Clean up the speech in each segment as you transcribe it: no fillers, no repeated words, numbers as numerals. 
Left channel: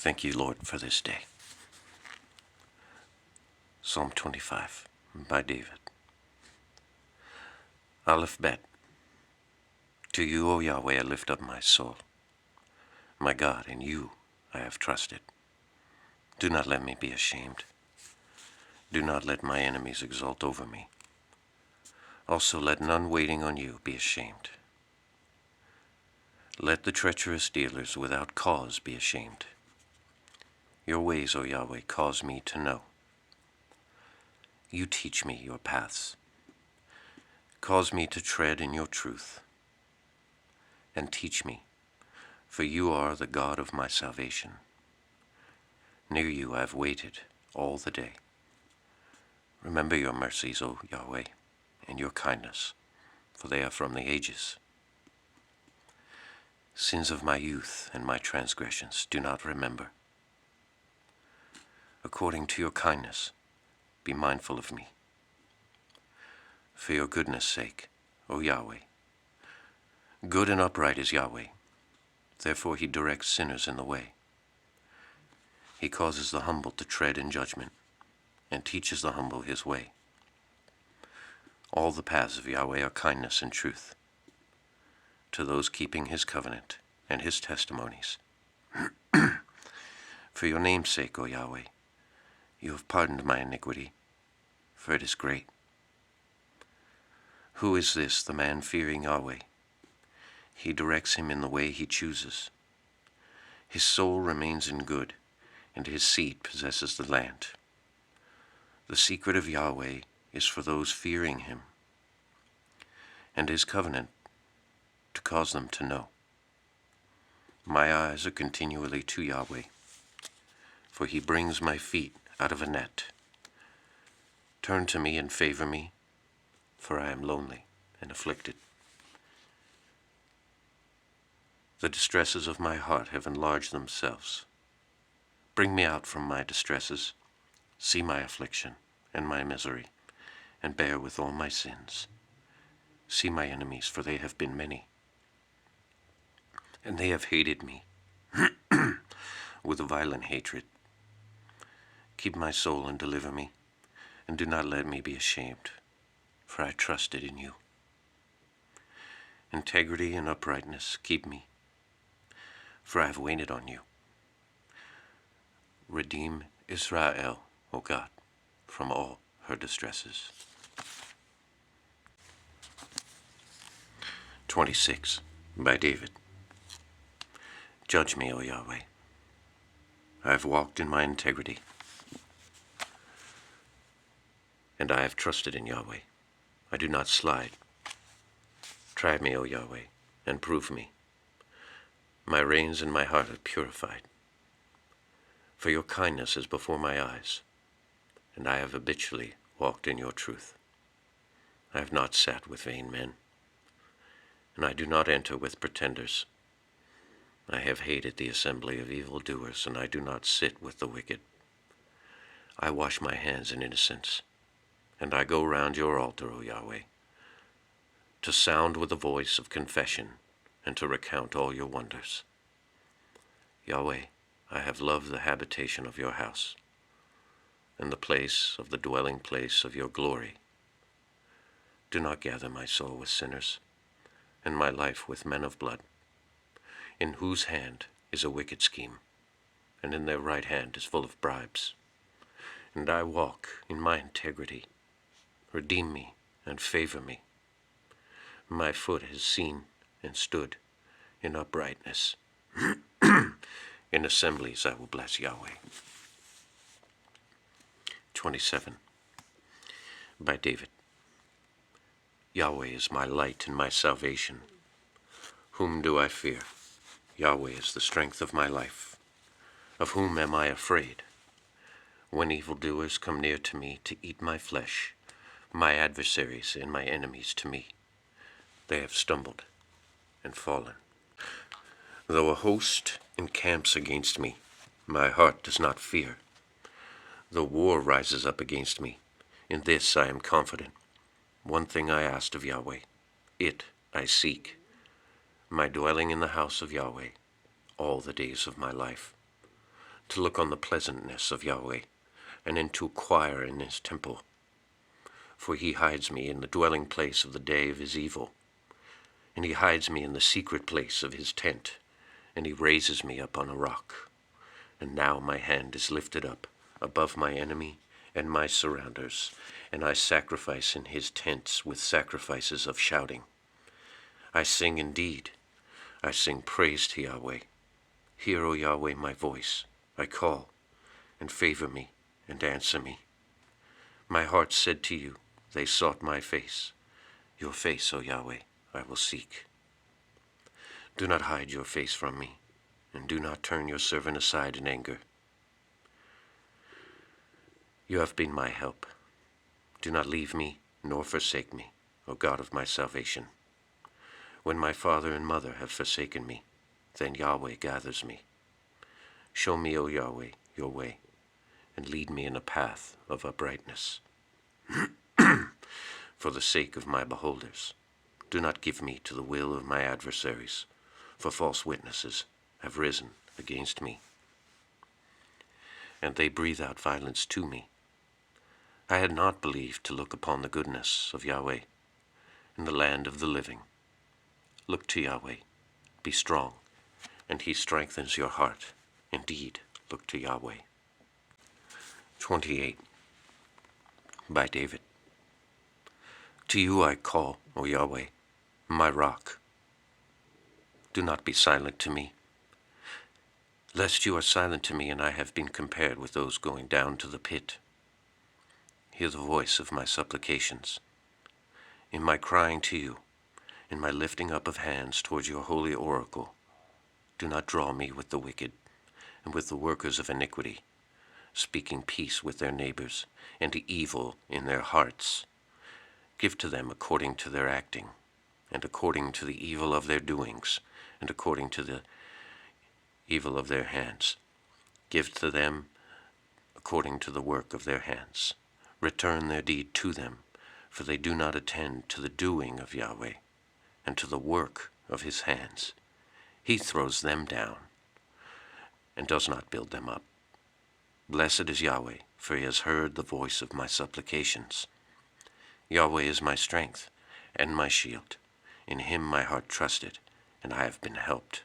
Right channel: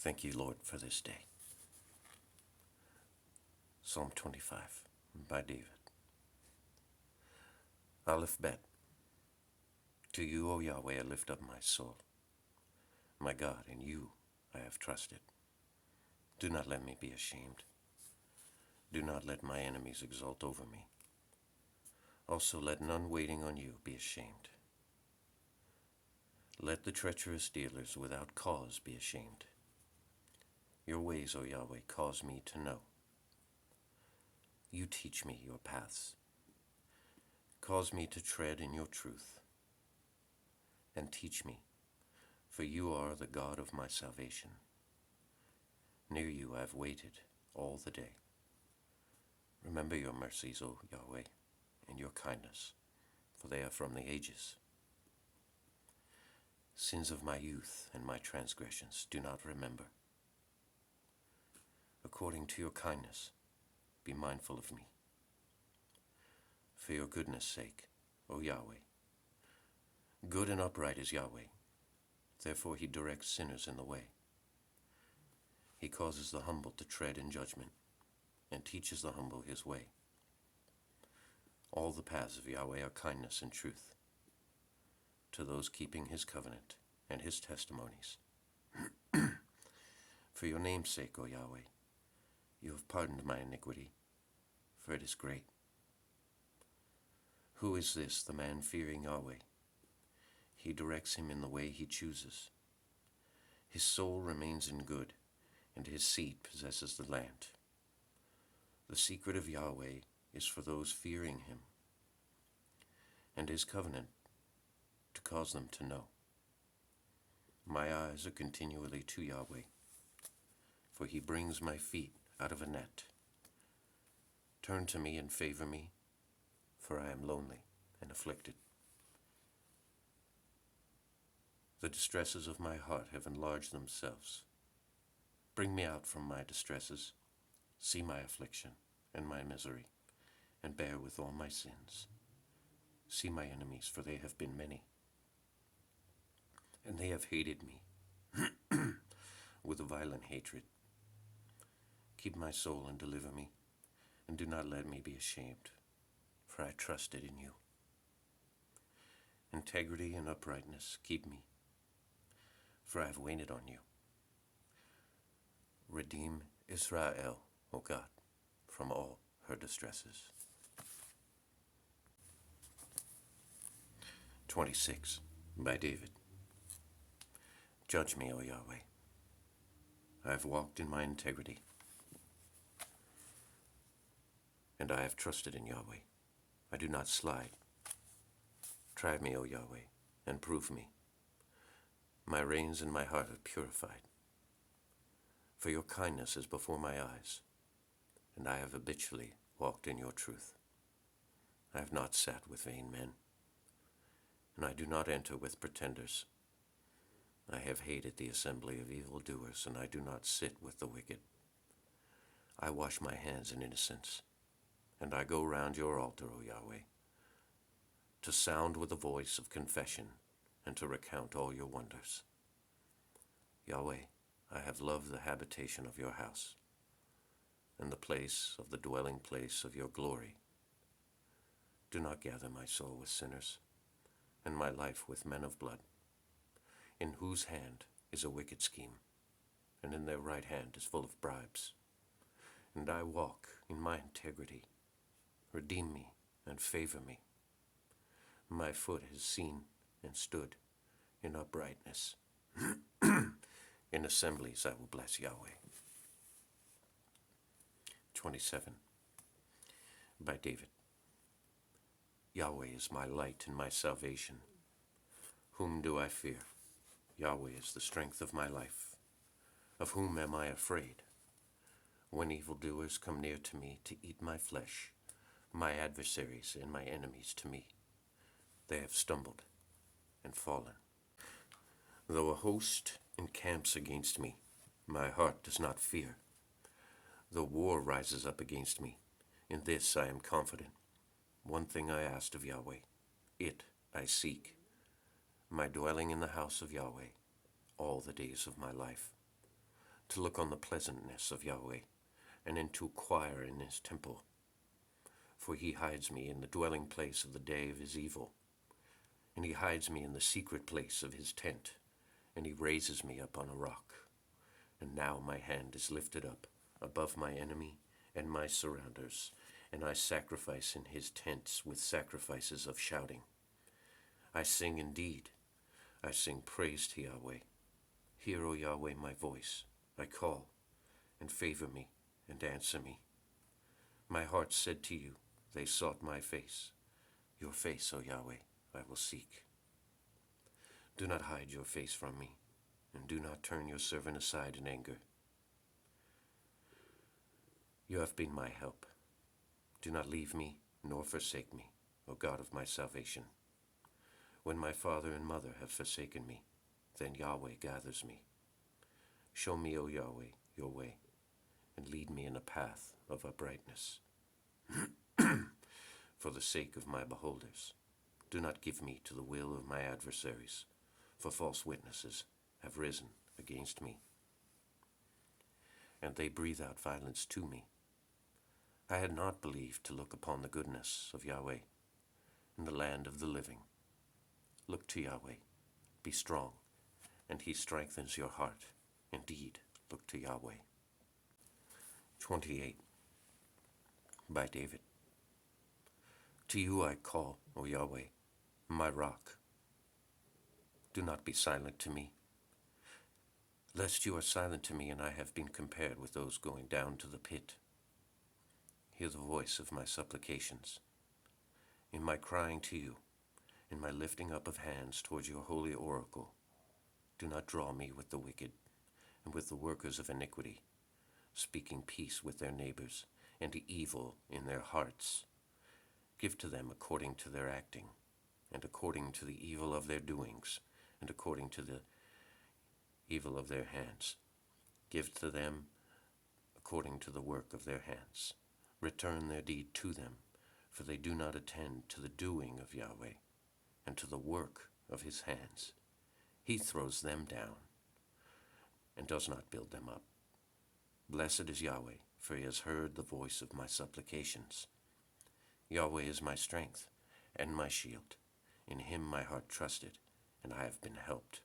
Thank you, Lord, for this day. Psalm 25 by David. Aleph Bet. To you, O Yahweh, I lift up my soul. My God, in you I have trusted. Do not let me be ashamed. Do not let my enemies exult over me. Also let none waiting on you be ashamed. Let the treacherous dealers without cause be ashamed. Your ways, O Yahweh, cause me to know. You teach me your paths. Cause me to tread in your truth. And teach me, for you are the God of my salvation. Near you I have waited all the day. Remember your mercies, O Yahweh, and your kindness, for they are from the ages. Sins of my youth and my transgressions do not remember. According to your kindness, be mindful of me. For your goodness' sake, O Yahweh. Good and upright is Yahweh, therefore he directs sinners in the way. He causes the humble to tread in judgment, and teaches the humble his way. All the paths of Yahweh are kindness and truth, to those keeping his covenant and his testimonies. For your name's sake, O Yahweh, you have pardoned my iniquity, for it is great. Who is this, the man fearing Yahweh? He directs him in the way he chooses. His soul remains in good, and his seed possesses the land. The secret of Yahweh is for those fearing him, and his covenant to cause them to know. My eyes are continually to Yahweh, for he brings my feet out of a net. Turn to me and favor me, for I am lonely and afflicted. The distresses of my heart have enlarged themselves. Bring me out from my distresses, see my affliction and my misery, and bear with all my sins. See my enemies, for they have been many, and they have hated me with a violent hatred. Keep my soul and deliver me, and do not let me be ashamed, for I trusted in you. Integrity and uprightness keep me, for I have waited on you. Redeem Israel, O God, from all her distresses. 26 by David. Judge me, O Yahweh. I have walked in my integrity, and I have trusted in Yahweh. I do not slide. Try me, O Yahweh, and prove me. My reins and my heart are purified. For your kindness is before my eyes, and I have habitually walked in your truth. I have not sat with vain men, and I do not enter with pretenders. I have hated the assembly of evildoers, and I do not sit with the wicked. I wash my hands in innocence, and I go round your altar, O Yahweh, to sound with the voice of confession and to recount all your wonders. Yahweh, I have loved the habitation of your house, and the place of the dwelling place of your glory. Do not gather my soul with sinners, and my life with men of blood, in whose hand is a wicked scheme, and in their right hand is full of bribes. And I walk in my integrity. Redeem me and favor me. My foot has seen and stood in uprightness. In assemblies I will bless Yahweh. 27 by David. Yahweh is my light and my salvation. Whom do I fear? Yahweh is the strength of my life. Of whom am I afraid? When evildoers come near to me to eat my flesh, my adversaries and my enemies to me, they have stumbled and fallen. Though a host encamps against me, my heart does not fear. Though war rises up against me, in this I am confident. One thing I asked of Yahweh, it I seek, my dwelling in the house of Yahweh all the days of my life, to look on the pleasantness of Yahweh, and to inquire in his temple. For he hides me in the dwelling place of the day of his evil, and he hides me in the secret place of his tent, and he raises me up on a rock. And now my hand is lifted up above my enemy and my surrounders, and I sacrifice in his tents with sacrifices of shouting. I sing indeed, I sing praise to Yahweh. Hear, O Yahweh, my voice. I call, and favor me, and answer me. My heart said to you, they sought my face. Your face, O Yahweh, I will seek. Do not hide your face from me, and do not turn your servant aside in anger. You have been my help. Do not leave me, nor forsake me, O God of my salvation. When my father and mother have forsaken me, then Yahweh gathers me. Show me, O Yahweh, your way, and lead me in a path of uprightness. For the sake of my beholders, do not give me to the will of my adversaries, for false witnesses have risen against me, and they breathe out violence to me. I had not believed to look upon the goodness of Yahweh in the land of the living. Look to Yahweh, be strong, and he strengthens your heart. Indeed, look to Yahweh. 28. By David. To you I call, O Yahweh, my rock. Do not be silent to me, lest you are silent to me and I have been compared with those going down to the pit. Hear the voice of my supplications. In my crying to you, in my lifting up of hands towards your holy oracle, do not draw me with the wicked and with the workers of iniquity, speaking peace with their neighbors and evil in their hearts. Give to them according to their acting, and according to the evil of their doings, and according to the evil of their hands. Give to them according to the work of their hands. Return their deed to them, for they do not attend to the doing of Yahweh, and to the work of his hands. He throws them down, and does not build them up. Blessed is Yahweh, for he has heard the voice of my supplications. Yahweh is my strength and my shield. In him my heart trusted, and I have been helped.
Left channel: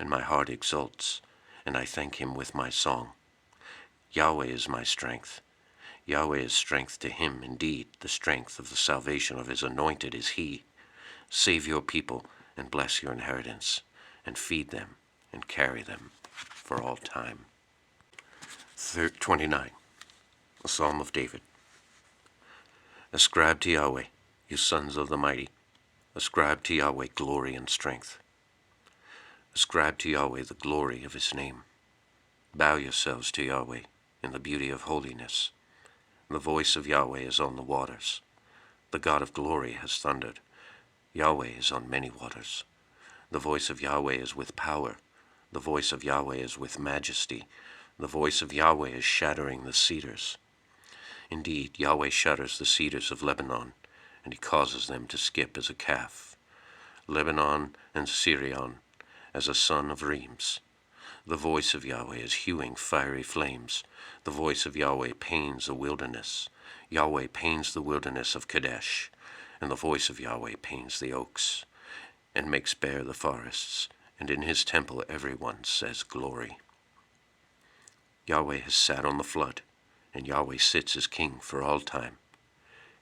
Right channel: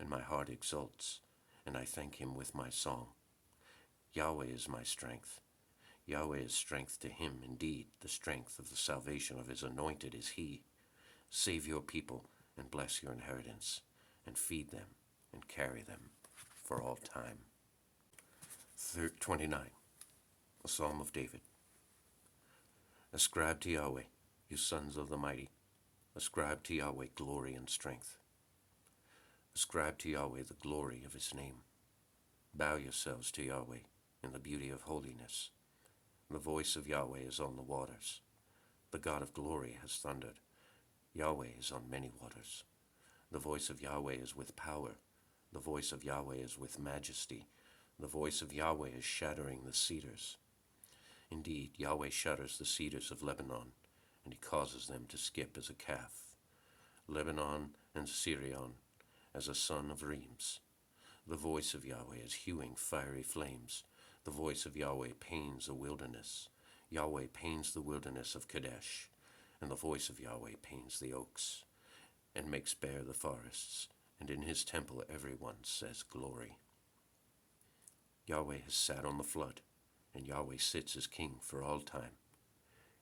And my heart exults, and I thank him with my song. Yahweh is my strength. Yahweh is strength to him. Indeed, the strength of the salvation of his anointed is he. Save your people and bless your inheritance, and feed them and carry them for all time. 29. A Psalm of David. Ascribe to Yahweh, you sons of the mighty. Ascribe to Yahweh glory and strength. Ascribe to Yahweh the glory of his name. Bow yourselves to Yahweh in the beauty of holiness. The voice of Yahweh is on the waters. The God of glory has thundered. Yahweh is on many waters. The voice of Yahweh is with power. The voice of Yahweh is with majesty. The voice of Yahweh is shattering the cedars. Indeed, Yahweh shatters the cedars of Lebanon, and he causes them to skip as a calf. Lebanon and Sirion as a son of Reims. The voice of Yahweh is hewing fiery flames. The voice of Yahweh pains the wilderness. Yahweh pains the wilderness of Kadesh, and the voice of Yahweh pains the oaks, and makes bare the forests, and in his temple everyone says glory. Yahweh has sat on the flood, and Yahweh sits as king for all time.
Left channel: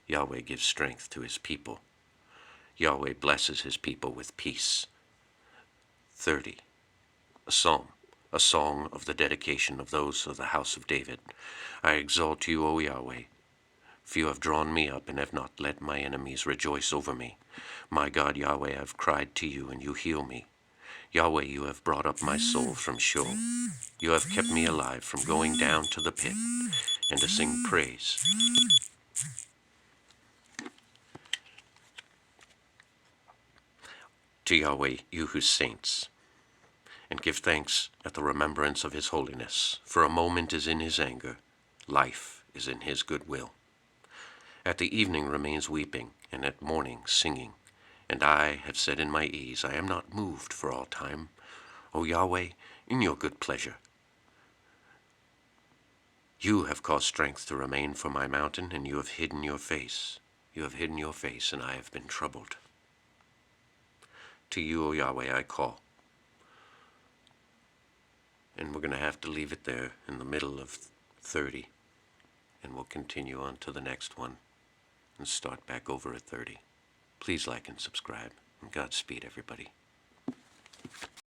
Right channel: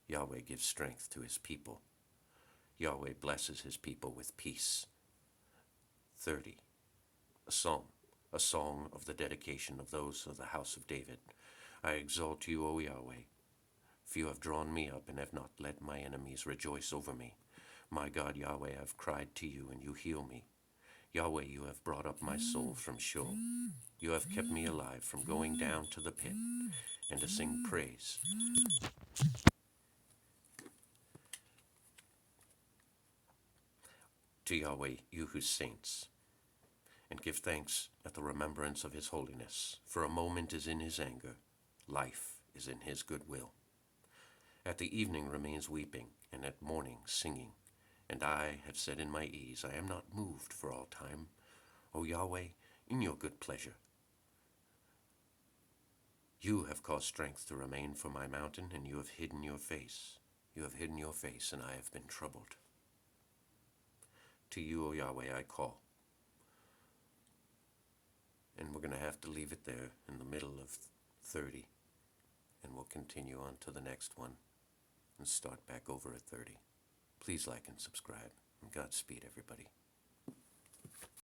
Yahweh gives strength to his people. Yahweh blesses his people with peace. 30. A psalm, a song of the dedication of those of the house of David. I exalt you, O Yahweh, for you have drawn me up and have not let my enemies rejoice over me. My God, Yahweh, I have cried to you, and you heal me. Yahweh, you have brought up my soul from Sheol. You have kept me alive from going down to the pit, and to sing praise to Yahweh, you his saints, and give thanks at the remembrance of his holiness. For a moment is in his anger, life is in his goodwill. At the evening remains weeping, and at morning singing. And I have said in my ease, I am not moved for all time. O Yahweh, in your good pleasure, You have caused strength to remain for my mountain, and you have hidden your face. You have hidden your face, and I have been troubled. To you, O Yahweh, I call. And we're going to have to leave it there in the middle of 30. And we'll continue on to the next one and start back over at 30. Please like and subscribe. And Godspeed, everybody.